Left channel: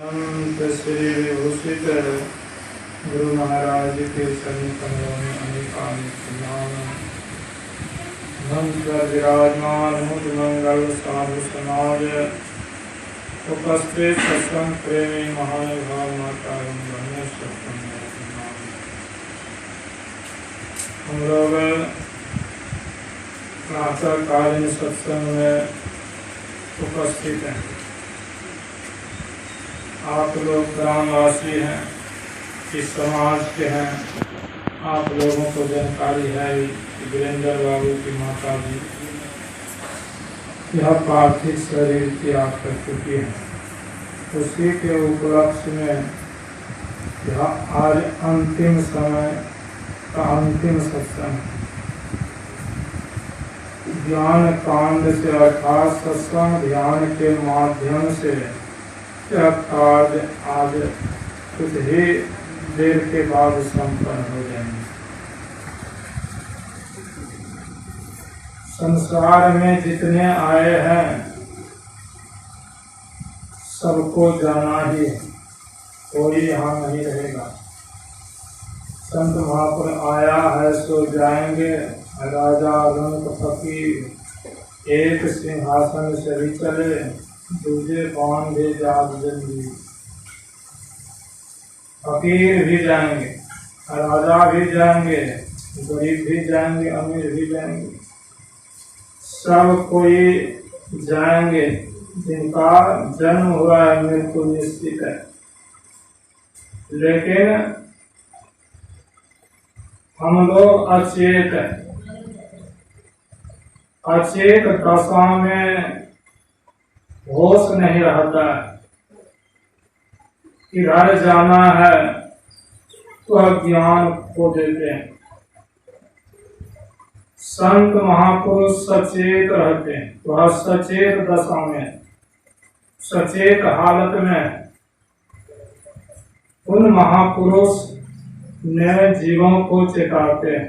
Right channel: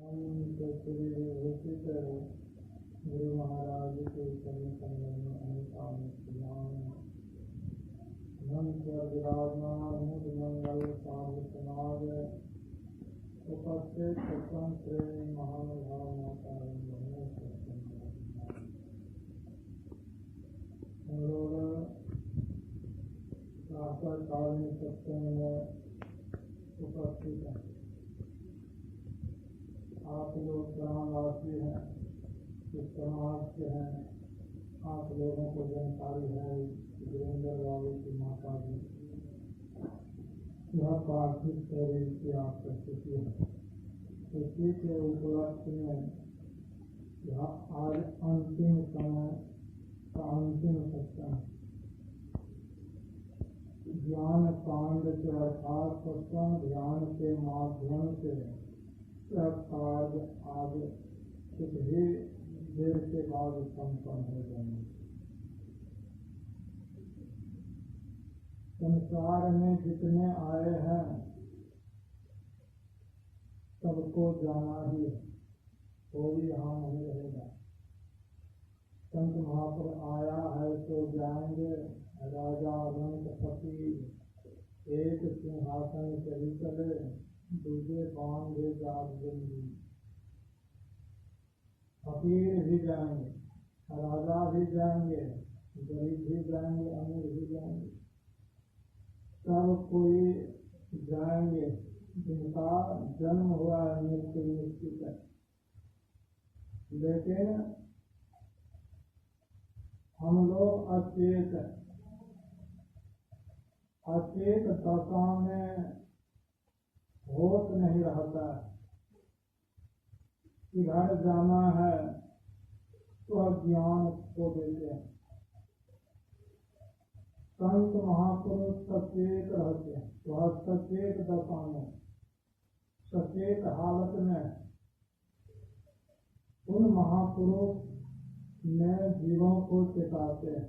श्री विभूषित गुरु महाराज के सन्निकमलों में अनेकानेक नाम मंत्र विराजमान मुद मंगल साधु समाज उपस्थित सत्संग प्रेमी महानुभाव माता हम लोग प्रातःकालीन सत्संग में उपस्थित हैं। आप लोग ग्रामवासी हैं, इस समाज के हैं। आप लोगों को जानकारी है कि वीरेंद्र बाबू की माता जी यह पार्थिव शरीर त्याग कर चुकी है। उसी के उपलक्ष्य में यह आज अंतिम समय का अंतिम सत्संग ज्ञान कांड से अर्थात सत्संग ध्यान के माध्यम से यह कार्य आज कुछ ही देर के बाद संपन्न हो जाएंगे। संसार में जितने आए हैं सबको जाना ही है, कोई यहाँ नहीं रहेगा। संत महापुरुष आया है सो जाएंगे। राजा रंग फकीर एक सिंहासन से ही चले, दूजे पान दे जाग जल्दी। फकीर भी जाएंगे, राजा भी जाएंगे, गरीब भी जाएंगे, अमीर भी जाएंगे, सब कोई जाएंगे। जिनका जन्म हुआ है मृत्यु निश्चित है। लेकिन हम लोग अचेत हैं। अचेत दशा में होश नहीं रहता है। किधर जाना है तो ज्ञान खो देते हैं। संत महापुरुष सचेत रहते हैं। वह सचेत दशा में, सचेत हालत में उन महापुरुष ने जीवों को चेताते हैं।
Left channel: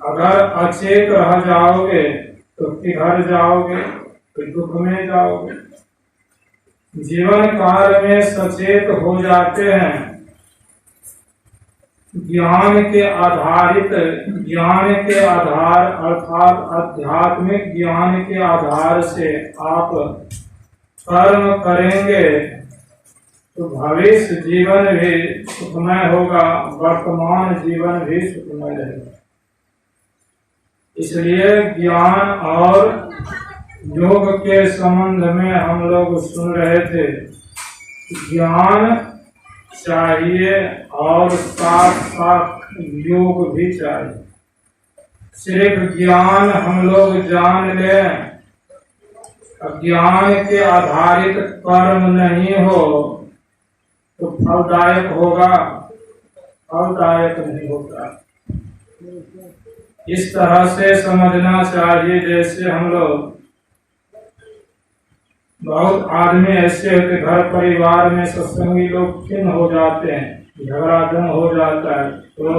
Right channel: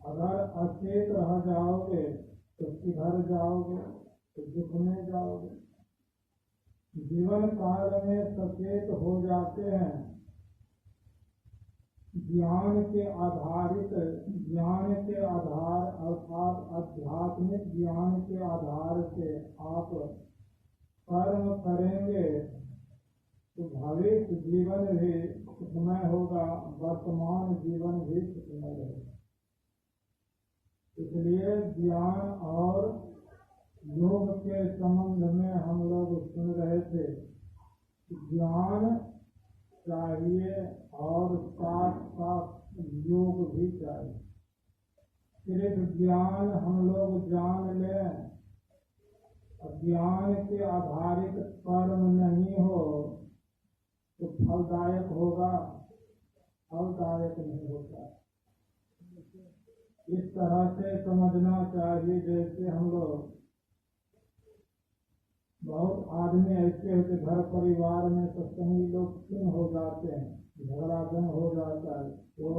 अगर अचेत रह जाओगे तो किधर जाओगे, तो दुख में जाओगे। जीवन काल में सचेत हो जाते हैं। ज्ञान के आधारित, ज्ञान के आधार अर्थात आध्यात्मिक ज्ञान के आधार से आप कर्म करेंगे तो भविष्य जीवन भी सुखमय होगा, वर्तमान जीवन भी सुखमय रहेगा। इसलिए ज्ञान और योग के संबंध में हम लोग सुन रहे थे। ज्ञान चाहिए और साथ साथ योग भी चाहिए। सिर्फ ज्ञान हम लोग जान लें, ज्ञान के आधारित कर्म नहीं हो तो फलदायक होगा, फलदायक नहीं होता। इस तरह से समझना चाहिए। जैसे हम लोग, बहुत आदमी ऐसे होते घर परिवार में सत्संगी लोग खिन्न हो जाते हैं, झगड़ाधन हो जाता है तो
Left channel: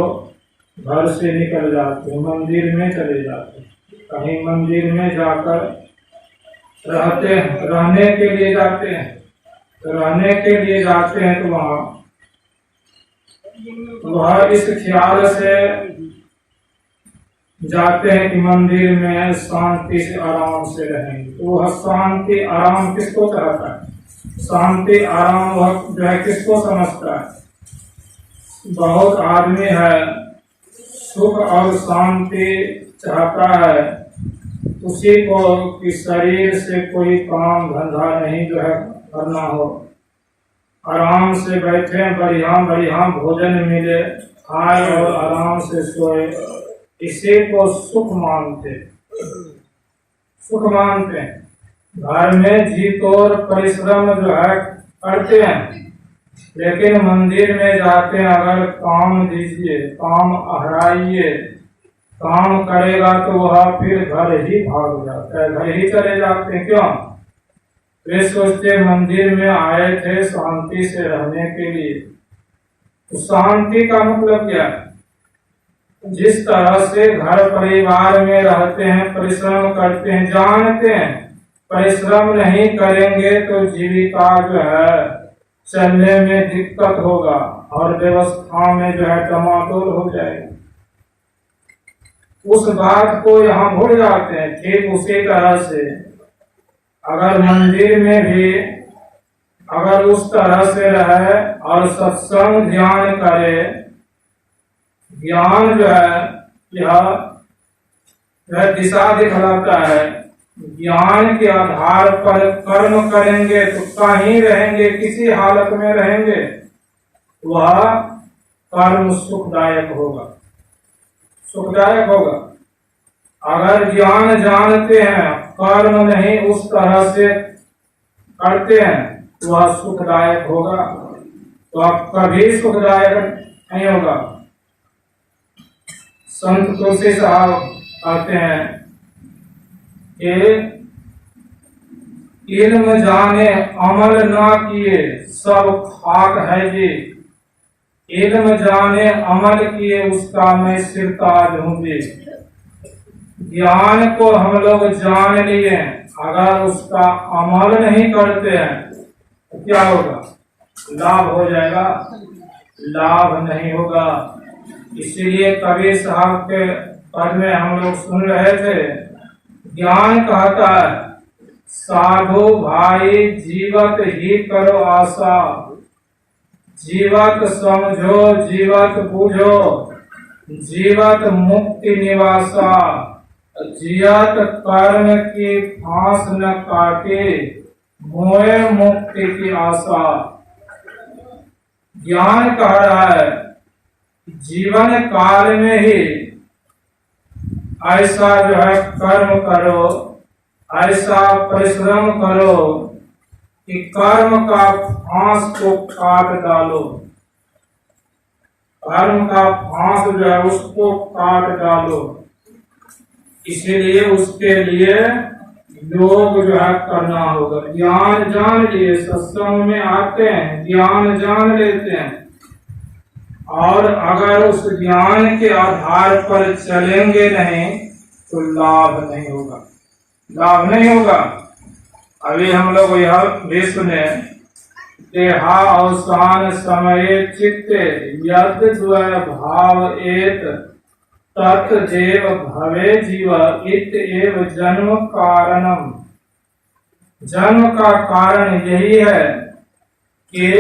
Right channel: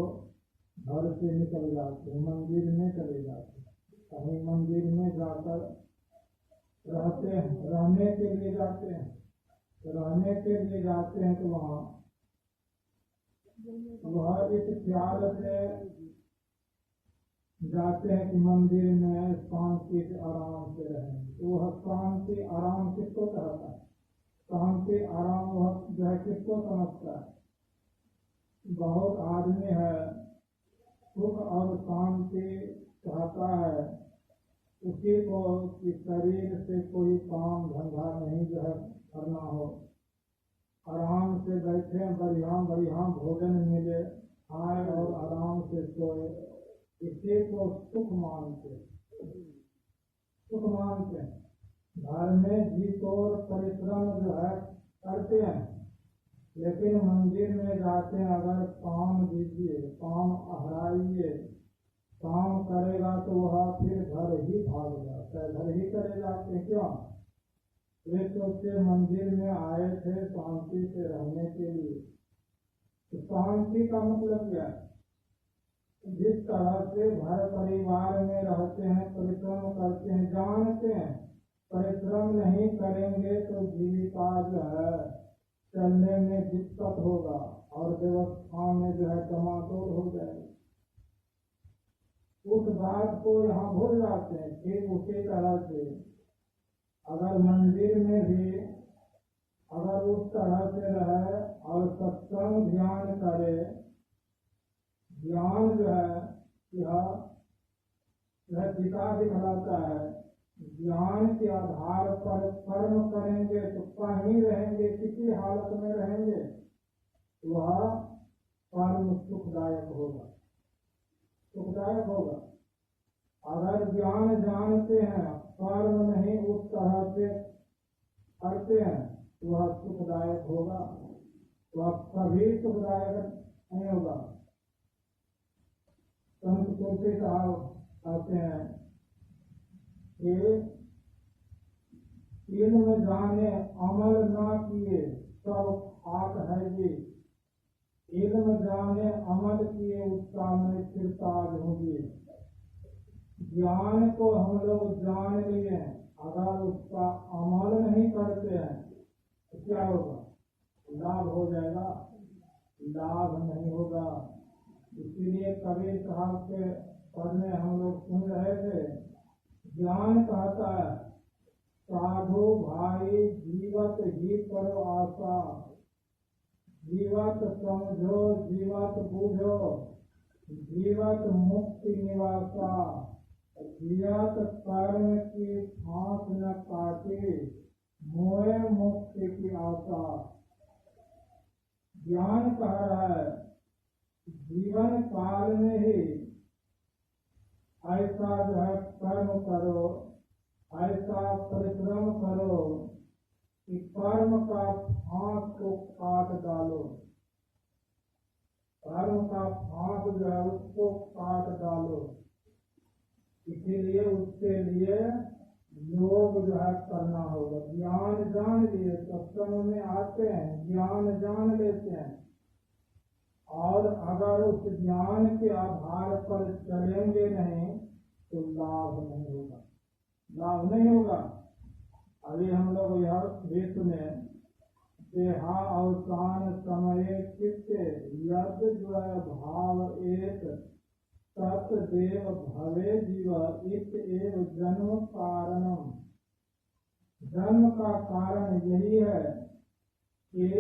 घर से निकल जाते हैं, मंदिर में चले जाते हैं। कहीं मंदिर में जाकर रहते हैं, रहने के लिए जाते हैं। रहने के लिए जाते हैं तो वह इस ख्याल से जाते हैं कि मंदिर में शांति से आराम से रहेंगे। तो वह शांति आराम किसको चाहता है? शांति आराम वह जो है किसको समझता है? बहुत आदमी है सुख और शांति चाहता है, उसी को कि शरीर से कोई काम धंधा नहीं जो है करना हो, आराम से बैठे, बढ़िया बढ़िया भोजन मिले, खाए और आराम से सोए। इसी को सुख मानते, सुख मानते हैं। घर में जी तोड़ परिश्रम जो है करते हैं, लेकिन मंदिर में जाते हैं अगर काम दीजिए, काम आहराइए, काम करेगा तो वह फिर घर ही भाग जाता है, घर ही चले जाते हैं। क्यों? वे सोचते मंदिर में आए थे शांति से रहने के लिए। तो शांति का मतलब क्या है? जिस तरह से घर परिवार में रहते हैं, परिश्रम करते हैं, जानते हैं परिश्रम नहीं करेंगे तो जीविका जो है चलने में दिक्कत होगा और व्यवस्था में जो है टमाटोल हो जाएगा। उस बात को यहाँ भूल जाते हैं। ठीक उसी तरह से अगर मंदिर में भी अगर उस तरह से रहे और सत्संग ध्यान करे, ज्ञान जो है यह दिशा दिखलाता है। ज्ञान के आधार पर कर्म करेंगे तो कहीं रहेंगे, किसी हालत में रहेंगे, वह कर्म सुखदायक होगा, सुखदायक होगा। अगर ज्ञान जानते हैं, कर्म नहीं उस तरह से करते हैं, वह सुखदायक होगा, तो आप कभी सुखदायक नहीं होगा। संत तुलसी साहब कहते हैं कि इल्म जाने अमल ना किए सब खाक है जी, इल्म जाने अमल किए उसका मैं सिरताज हूँ जी। ज्ञान को हम लोग जान लिए, अगर उसका अमल नहीं करते हैं तो क्या होगा? लाभ हो जाएगा? लाभ नहीं होगा। इसीलिए कबीर साहब के पद में हम लोग सुन रहे थे, ज्ञान कहता है साधु भाई जीवत ही करो आशा, जीवत समझो जीवत बूझो, जीवत मुक्ति निवासा, जियत कर्म की फांस न काटे, मोए मुक्ति की आशा। ज्ञान कह रहा है जीवन काल में ही ऐसा जो है कर्म करो, ऐसा परिश्रम करो कि कर्म का फांस को काट डालो, कर्म का फांस जो है उसको काट डालो। इसीलिए उसके लिए योग जो है करना होगा। ज्ञान जान लिए, सत्संग में आते हैं, ज्ञान जान लेते हैं, और अगर उस ज्ञान के आधार पर चलेंगे नहीं तो लाभ नहीं होगा, लाभ नहीं होगा। अभी हम लोग यह भी सुने, देहा अवसान समय चित्ते यद द्वय भाव एत तत् देव भवे जीव इत एव जन्म कारणम। जन्म का कारण यही है कि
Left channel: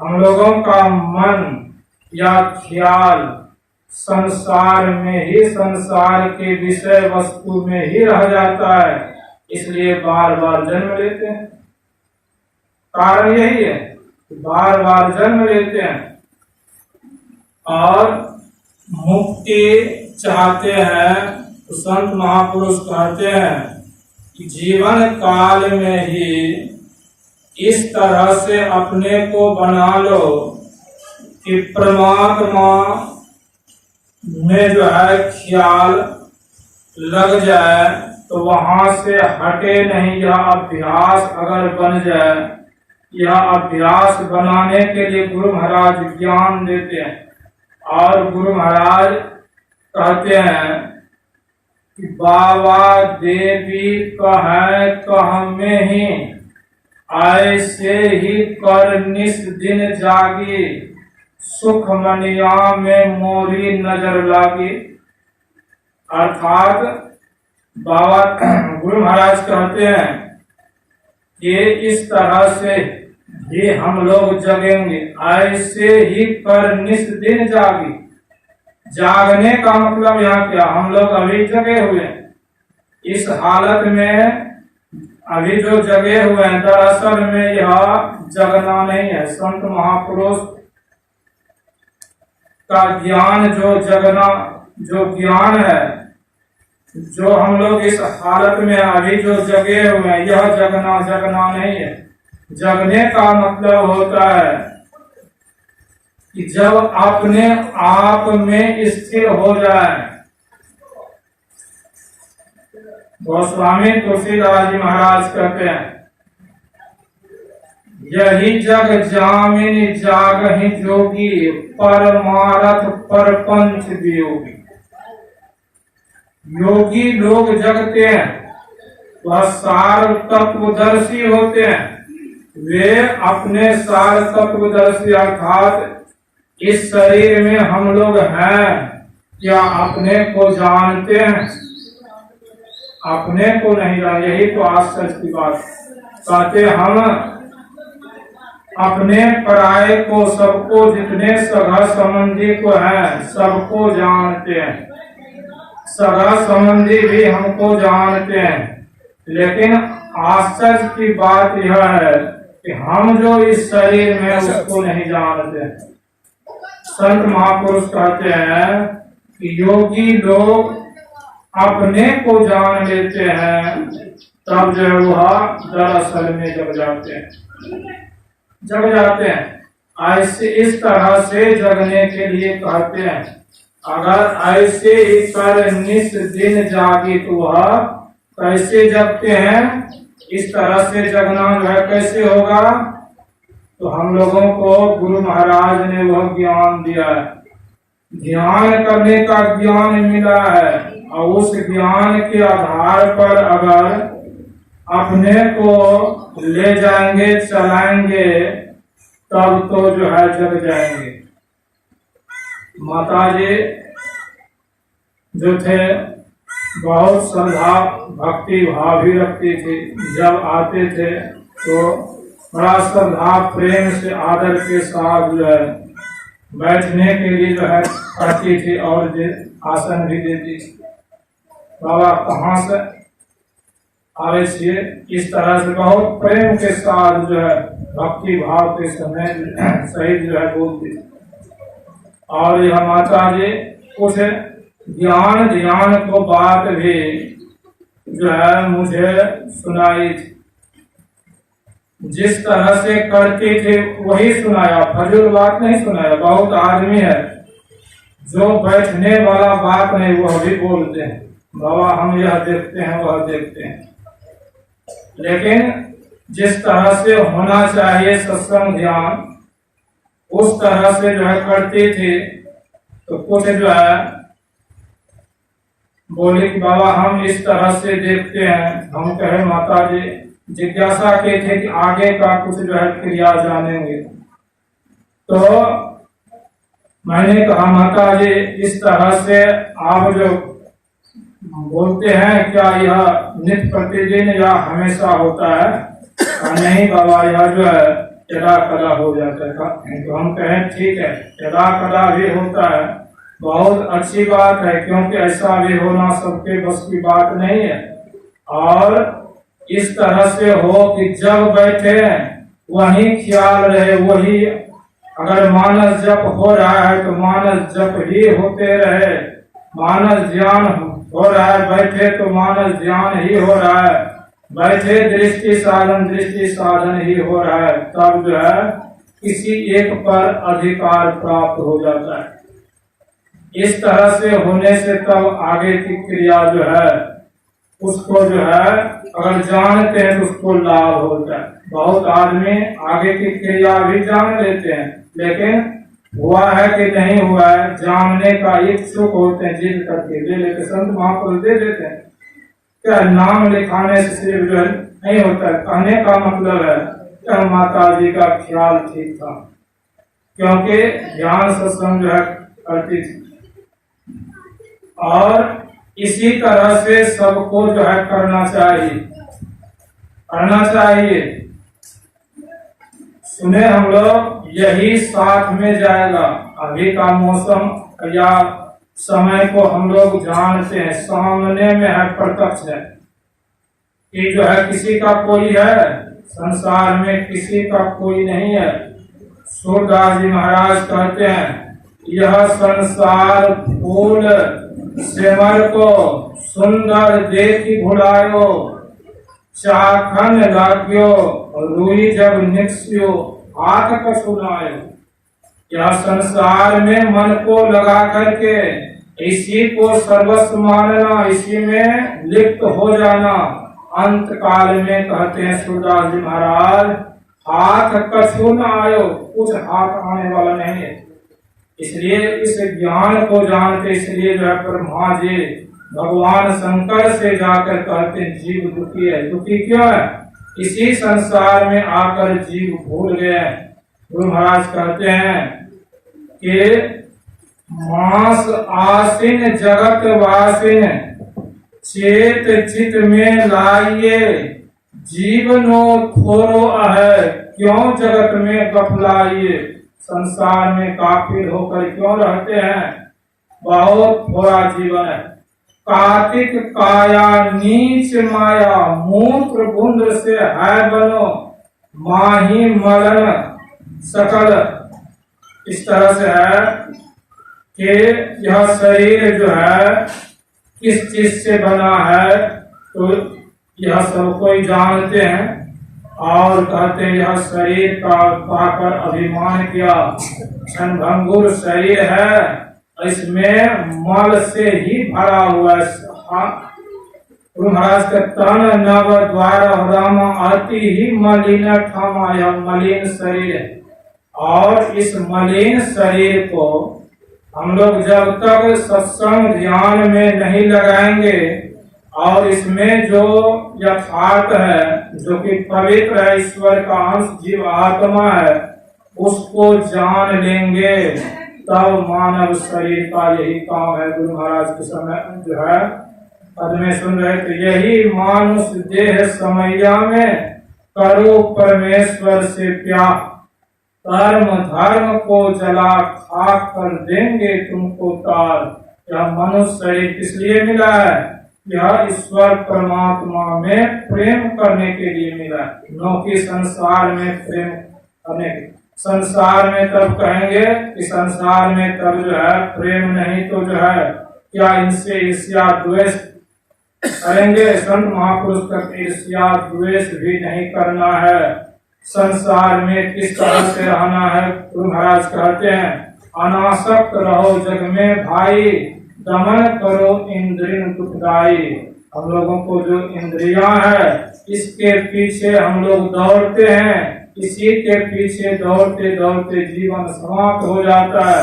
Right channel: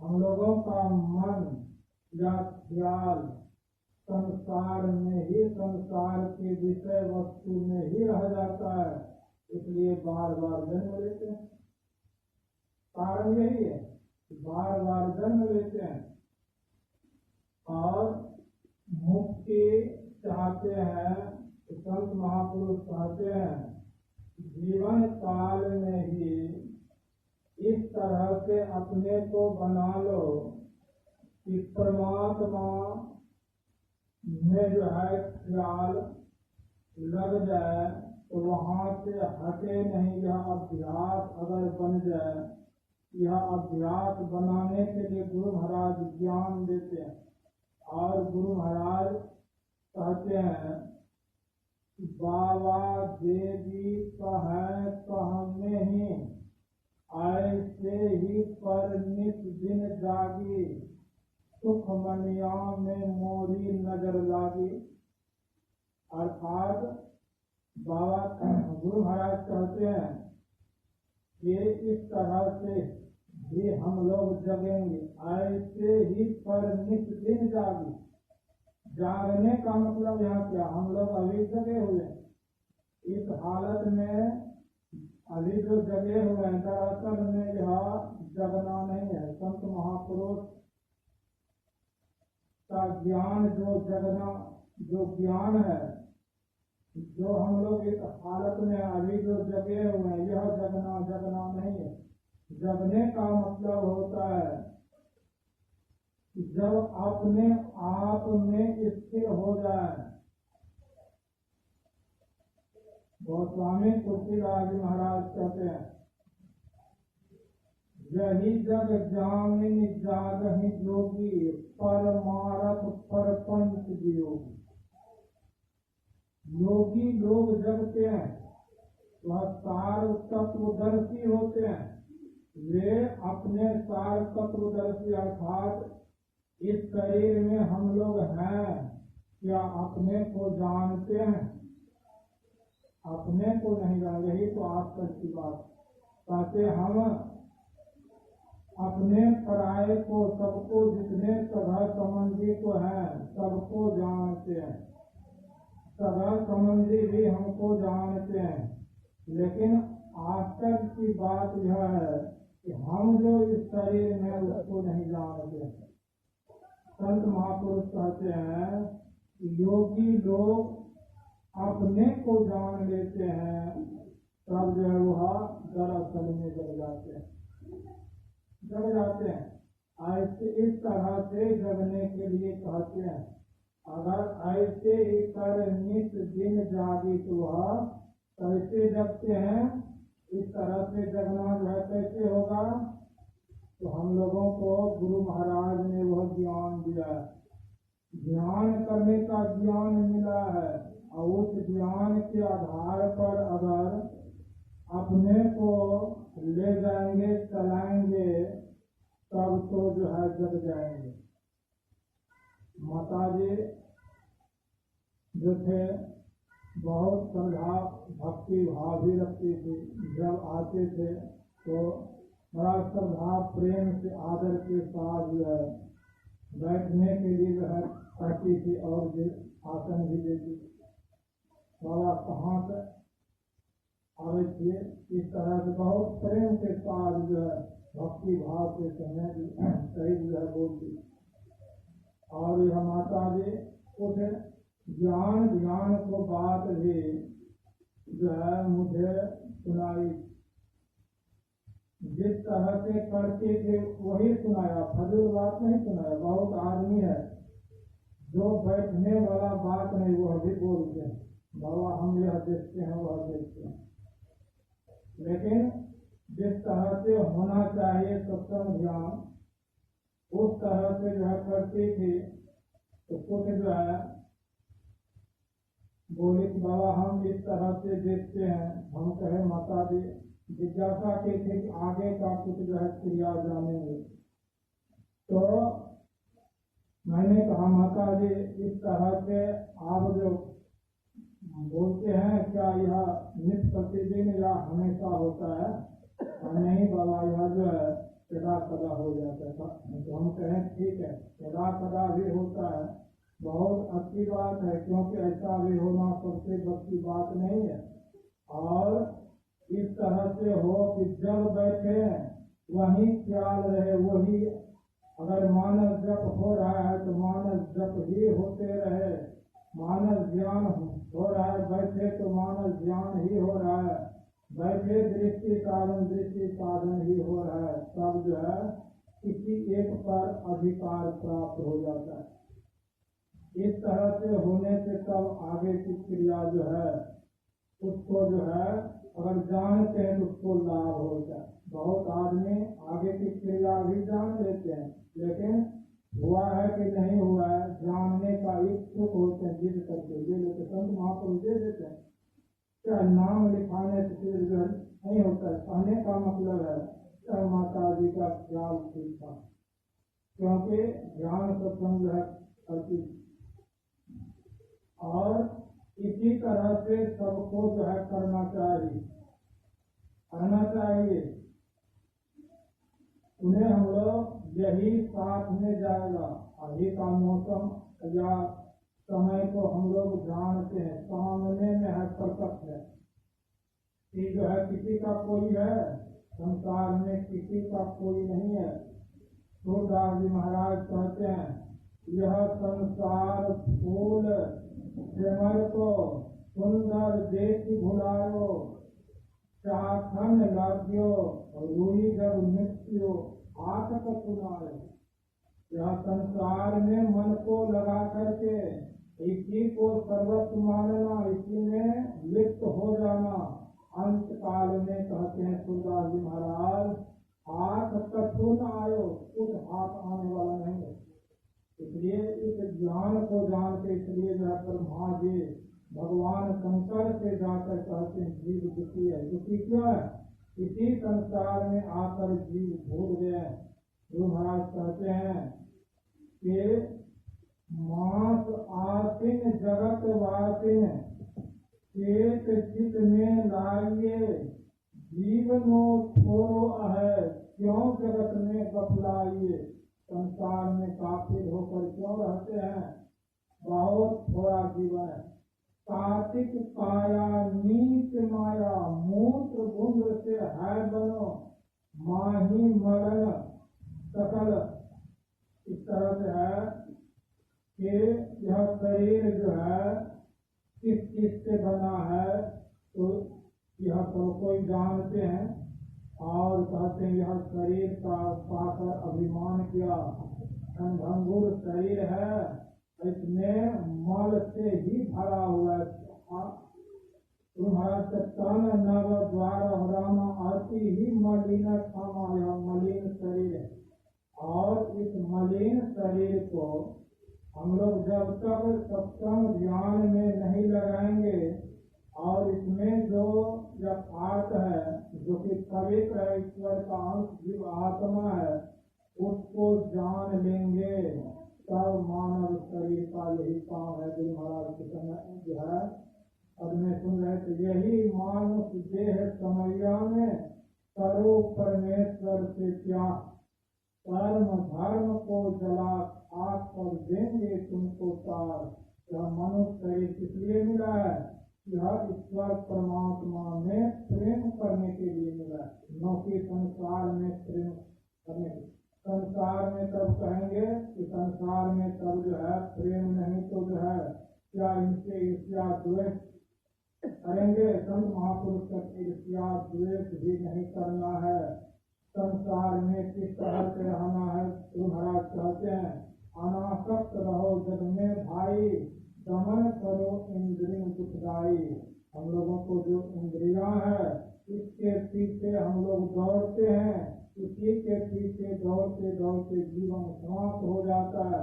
हम लोगों का मन या ख्याल संसार में ही, संसार के विषय वस्तु में ही रह जाता है, इसलिए बार बार जन्म लेते हैं। कारण यही है, बार बार जन्म लेते हैं और मुक्ति चाहते हैं। तो संत महापुरुष कहते हैं कि जीवन काल में ही इस तरह से अपने को बना लो कि परमात्मा में जो है ख्याल लग जाए, तो वहां से हटे नहीं। यह अभ्यास अगर बन जाए, यह अभ्यास बनाने के लिए गुरु महाराज ज्ञान देते हैं, और गुरु महाराज कहते हैं कि बाबा देवी कह में ही ऐसे ही कर निस दिन जागी, सुख मनिया में मोरी नजर लागी। अर्थात बाबा गुरु महाराज कहते हैं कि इस तरह से ही हम लोग जगेंगे, ऐसे ही कर निस दिन जागी। जागने का मतलब यहाँ क्या? हम लोग अभी जगे हुए हैं, इस हालत में अभी जो जगे हुए हैं, दरअसल में यह जगना नहीं है। संत महापुरुष का ज्ञान जो जगना, जो ज्ञान है, जो हम लोग इस हालत में अभी जो जगे हुए हैं, यह जगना नहीं है। जगने का मतलब होता है कि जब अपने आप में स्थिर हो जाए। गोस्वामी तुलसीदास जी महाराज कहते हैं, यही जग जामिन जागहि जोगी, परमारथ परपंच वियोगी। योगी लोग जगते हैं वह सार तत्वदर्शी होते हैं। वे अपने सार तत्वदर्शी अर्थात इस शरीर में हम लोग हैं क्या अपने को जानते हैं? अपने को नहीं जानते। यही तो आश्चर्य की बात। कहते हम अपने पराये को, सबको, जितने सगा संबंधी को है सबको जानते हैं। सगा संबंधी भी हमको जानते हैं, लेकिन आश्चर्य की बात यह है कि हम जो इस शरीर में उसको नहीं जानते। संत महापुरुष कहते हैं कि योगी लोग अपने को जान लेते हैं, तब जो है वह दरअसल में जग जाते हैं। ऐसे इस तरह से जगने के लिए कहते हैं। अगर ऐसे ही कर निस दिन जागे तो वह कैसे जगते हैं? इस तरह से जगना जो है कैसे होगा? तो हम लोगों को गुरु महाराज ने वह ज्ञान दिया है, ध्यान करने का ज्ञान मिला है, और उस ज्ञान के आधार पर अगर अपने को ले जाएंगे, चलाएंगे, तब तो जो है जग जाएंगे। माता जी जो थे बहुत श्रद्धा भक्ति भाव भी रखती थी। जब आते थे तो बड़ा श्रद्धा प्रेम से आदर के साथ जो है बैठने के लिए जो है करती थी और आसन भी देती। बाबा कहाँ से आए थे? इस तरह से बहुत प्रेम के साथ जो है भक्ति भाव के समय सहित जो है बोलती। और यह माता जी कुछ ज्ञान ध्यान को बात भी जो है मुझे सुनाई थी। जिस तरह से करती थी वही सुनाया, फजूल बात नहीं सुनाया। बहुत आदमी है जो बैठने वाला बात नहीं वह भी बोलते हैं, बाबा हम यह देखते हैं वह देखते हैं। लेकिन जिस तरह से होना चाहिए सत्संग ध्यान, उस तरह से जो है करती थी। तो कुछ जो है बोले कि बाबा हम इस तरह से देखते हैं। हम कहे माता जी जिज्ञासा के थे कि आगे का कुछ जो है क्रिया जानेंगे। तो मैंने कहा माता जी इस तरह से आप जो बोलते हैं क्या यह नित्य प्रतिदिन या हमेशा होता है? नहीं बाबा यह जो है यदा कदा हो जाता है। तो हम कहें ठीक है, यदा कदा भी होता है, बहुत अच्छी बात है, क्योंकि ऐसा भी होना सबके बस की बात नहीं है। और इस तरह से हो कि जब बैठे वही ख्याल रहे, वही अगर मानस जप हो रहा है तो मानस जप ही होते रहे, मानस ध्यान हो रहा है, बैठे तो मानस ध्यान ही हो रहा है, बैठे दृष्टि साधन ही हो रहा है, तब जो है किसी एक पर अधिकार प्राप्त हो जाता है। इस तरह से होने से तब आगे की क्रिया जो है उसको जो है अगर जानते हैं तो उसको लाभ होता है। बहुत आदमी आगे की क्रिया भी जान लेते हैं, लेकिन हुआ है कि नहीं हुआ है जानने का इच्छुक होते हैं, जिद करके ले लेते। संत महापुरुष दे देते हैं। क्या नाम लिखाने से सिर्फ जो है नहीं होता है। कहने का मतलब है कि माता जी का ख्याल ठीक था, क्योंकि ध्यान सत्संग जो है करती थी। और इसी तरह से सबको जो है करना चाहिए। सुने हम लोग यही साथ में जाएगा। अभी का मौसम या समय को हम लोग जानते हैं, सामने में है, प्रत्यक्ष है कि जो है किसी का कोई है संसार में, किसी का कोई नहीं है। सूरदास जी महाराज कहते हैं यह संसार फूल सिमर को सुंदर देखी भुलायो, चाखन लाग्यो रुई जब निक्स्यो हाथ कसुनायो। यह संसार में मन को लगा करके इसी को सर्वस्व मानना, इसी में लिप्त हो जाना, अंत काल में कहते हैं सूरदास जी महाराज हाथ कछु न आयो, कुछ हाथ आने वाला नहीं है। इसलिए इस ज्ञान को जानते, इसलिए जो है ब्रह्मा जी भगवान शंकर से जाकर कहते हैं जीव दुखी है। दुखी क्यों है? इसी संसार में आकर जीव भूल गए। गुरु महाराज कहते हैं कि मास आसीन जगत वासिन चेत चित में लाइए जीवनो थोरो है क्यों जगत में गफलाइए। संसार में काफिर होकर क्यों रहते हैं? बहुत थोड़ा जीवन है। कार्तिक काया नीच माया मूत्र बूंद से है बनो माही मलन सकल। इस तरह से है कि यह शरीर जो है किस चीज से बना है तो यह सब कोई जानते हैं और कहते हैं यह शरीर का पाकर अभिमान किया क्षणभंगुर शरीर है, इसमें मल से ही भरा हुआ है। गुरु महाराज का तन नव द्वार राम आती ही मलिन ठामा, यह मलिन शरीर है। और इस मलिन शरीर को हम लोग जब तक सत्संग ध्यान में नहीं लगाएंगे और इसमें जो यथार्थ है, जो कि पवित्र है, ईश्वर का अंश जीव आत्मा है, उसको जान लेंगे तब मानव शरीर का यही काम है। गुरु महाराज के समय जो है पद में सुन रहे थे, यही मानुष देह समैया में करो परमेश्वर से प्यार, कर्म धर्म को जला खाक कर देंगे तुमको तार। यह मनुष्य शरीर किस लिए मिला है? यह ईश्वर परमात्मा में प्रेम करने के लिए मिला है, न कि संसार में प्रेम करने के। संसार में तब कहेंगे कि संसार में तब जो है प्रेम नहीं तो जो है क्या इनसे ईर्ष्या द्वेष करेंगे? संत महापुरुष का ईर्ष्या द्वेष भी नहीं करना है। संसार में किस तरह से रहना है? गुरु महाराज कहते हैं अनासक्त रहो जग में भाई, दमन करो इंद्रिय दुखदाई। हम लोगों को जो इंद्रियां है इसके पीछे हम लोग दौड़ते हैं, इसी के पीछे दौड़ते दौड़ते जीवन समाप्त हो जाता है।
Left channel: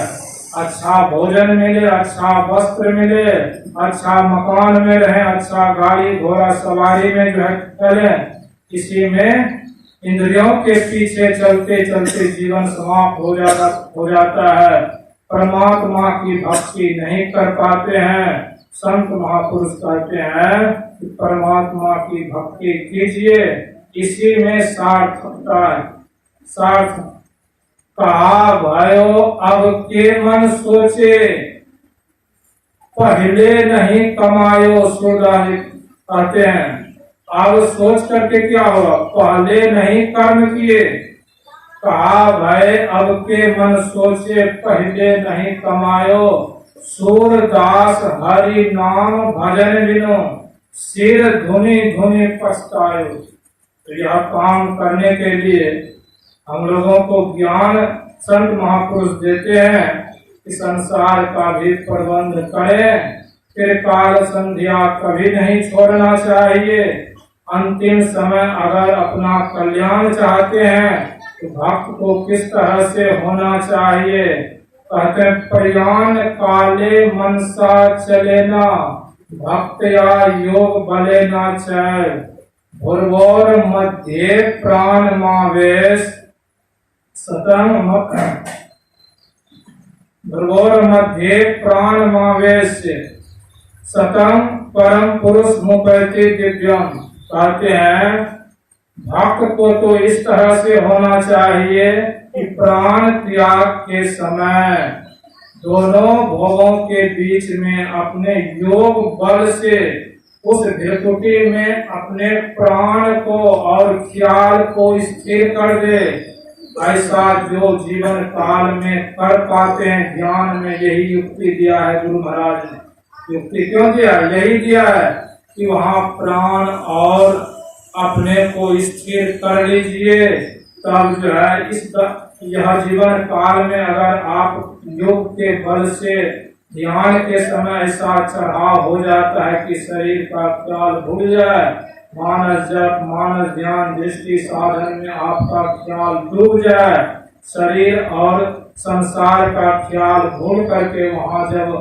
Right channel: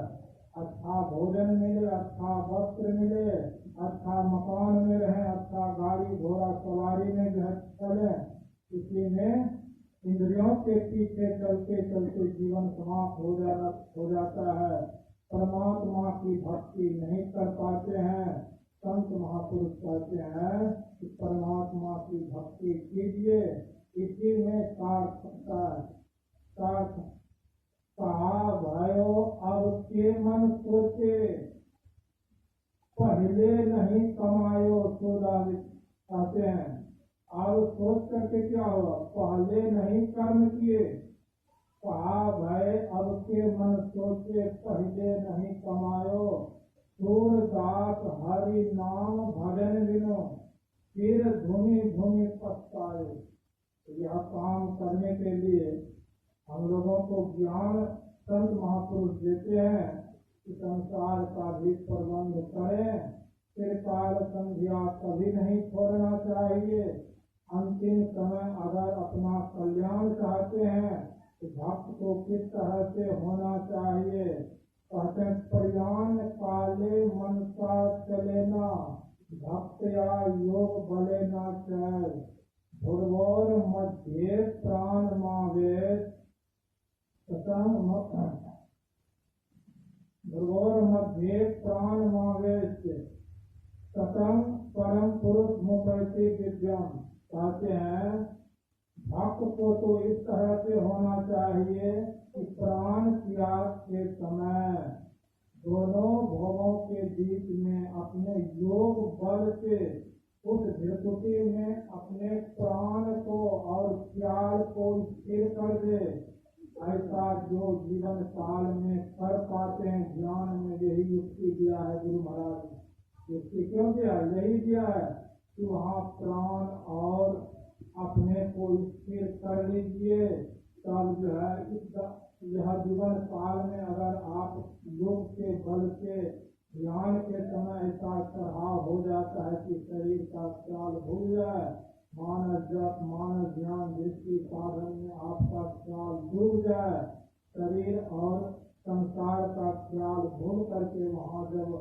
अच्छा भोजन मिले, अच्छा वस्त्र मिले, अच्छा मकान में रहे, अच्छा गाड़ी घोड़ा सवारी में जो है चलें, इसी में इंद्रियों के पीछे चलते चलते जीवन समाप्त हो जाता है। परमात्मा की भक्ति नहीं कर पाते हैं। संत महापुरुष कहते हैं कि परमात्मा की भक्ति कीजिए, इसी में सार्थकता है। सार्थ कहा भयो अब के मन सोचे, पहले नहीं कमायो सुधारित। कहते हैं अब सोच करके क्या हुआ? पहले नहीं कर्म किए। कहा भय अब के मन सोचे, पहले नहीं कमायो सूरदास हरि नाम भजन बिनो, सिर धुनी धुनी पछतायो। तो यह काम करने के लिए हम लोगों को ज्ञान संत महापुरुष देते हैं कि संसार का भी प्रबंध करें, फिर काल संध्या कभी नहीं छोड़ना चाहिए। अंतिम समय अगर अपना कल्याण चाहते हैं तो भक्त को किस तरह से होना चाहिए? कहते प्रयाण काले मनसा चलेना, भक्त या योग बलेना चाहे। भुर्वोर मध्य प्राण मावेश सतम, भुर्वोर मध्य प्राण मावेश सतम परम पुरुष मुपैति दिव्यम। कहते हैं भक्त को तो इस तरह से होना चाहिए कि प्राण त्याग के समय दोनों भोगों के बीच में अपने योग बल से उस भ्रकुटी में अपने प्राण को और ख्याल को स्थिर कर दे। ऐसा जो जीवन काल में कर पाते हैं, ध्यान में यही युक्ति दिया है गुरु महाराज ने। युक्ति क्यों दिया? यही दिया है कि वहाँ प्राण और अपने को स्थिर कर लीजिए, तब जो है यह जीवन काल में अगर आप योग के बल से ध्यान के समय ऐसा चढ़ाव हो जाता है कि शरीर का ख्याल भूल जाए, मानस जप मानस ध्यान दृष्टि साधन में आपका ख्याल डूब जाए, शरीर और संसार का ख्याल भूल करके वहाँ जब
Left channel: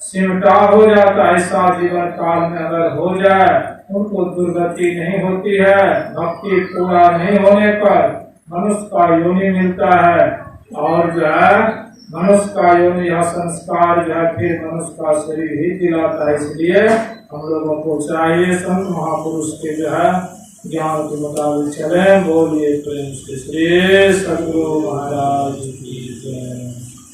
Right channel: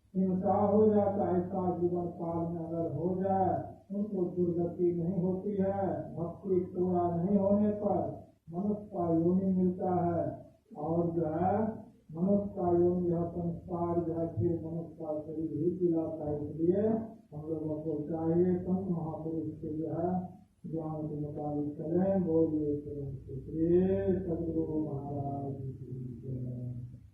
सिमटा हो जाता, ऐसा जीवन काल में अगर हो जाए, उनको दुर्गति नहीं होती है। भक्ति पूरा नहीं होने पर मनुष्य का योनि मिलता है, और जो है मनुष्य का योनि या संस्कार जो है फिर मनुष्य का शरीर ही दिलाता है। इसलिए हम लोगों को चाहिए संत महापुरुष के जो है ज्ञान के मुताबिक चले। बोलिए प्रेम से श्री सद्गुरु महाराज।